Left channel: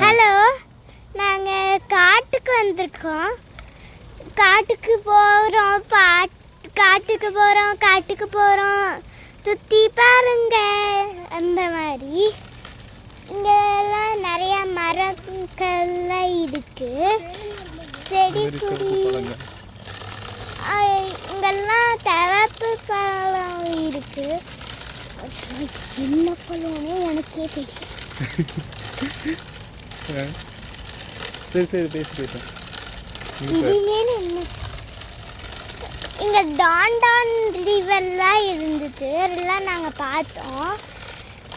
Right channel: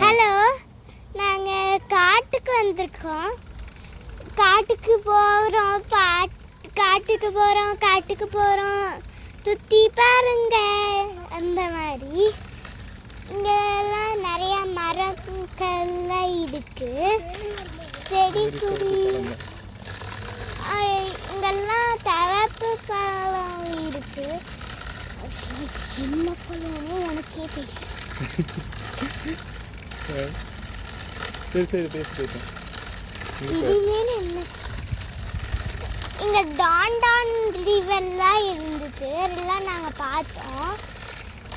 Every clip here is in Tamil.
ஹலோ, நாங்கள் காட்டுக்கு வந்திருக்கோம். காட்டுக்கு போகிறோம் சுற்றி பாருங்க. அந்த மாதிரி இங்கே எல்லாம் நிறையா மரங்கள்லாம் இருக்கு, செடி கொடி. இங்கெல்லாம் தவப்பு பழம் இருக்கு. என்ன பழம்னு உனக்கே தெரியும். இங்க டான் ரிவர்லாம் இருந்தது, அதெல்லாம் நாங்கள் பார்த்தோம்.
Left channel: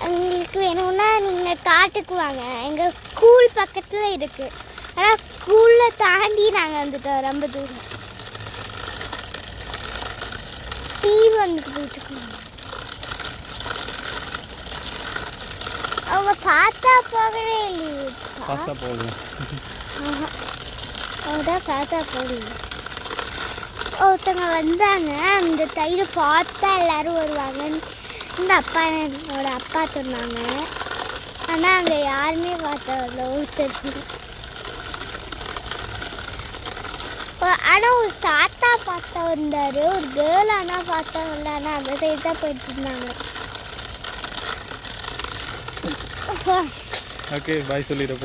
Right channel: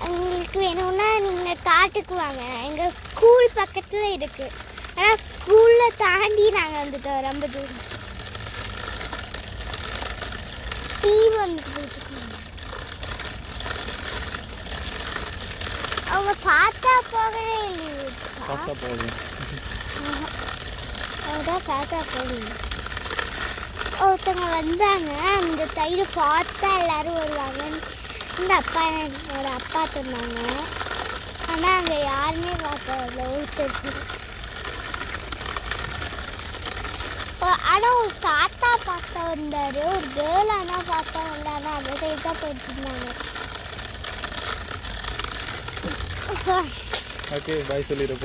உங்களுக்கு வேணும்னா நீங்கள் காட்டுக்கு வாங்க, எங்கள் ஸ்கூல் பக்கத்தில் இருக்குது. ஆனால் ஸ்கூலில் தாண்டி நாங்கள் வந்துட்டோம் ரொம்ப தூரம். டிவி வந்துட்டு போயிட்டுருக்கோம். அவங்க தாத்தா போகவே இல்லையே. தாத்தா போகல. ஒருத்தவங்க வந்தாங்க, அந்த தயிர் பார்த்தா எல்லாரும் வருவாங்கன்னு இந்த என்னோட அப்பா சொன்னாங்க. ஆனால் அங்கே யாருமே பார்த்ததில்ல ஒருத்தருக்கு. ஆனால் ஒரு தாத்தா பார்த்தா வந்தார், ஒரு கேர்ள் ஆனால் பார்த்தா வந்தாங்க. அந்த சைடு தான் போயிட்டு இருந்தாங்க. ஓகே, பாய் சொல்லிடுறப்போ.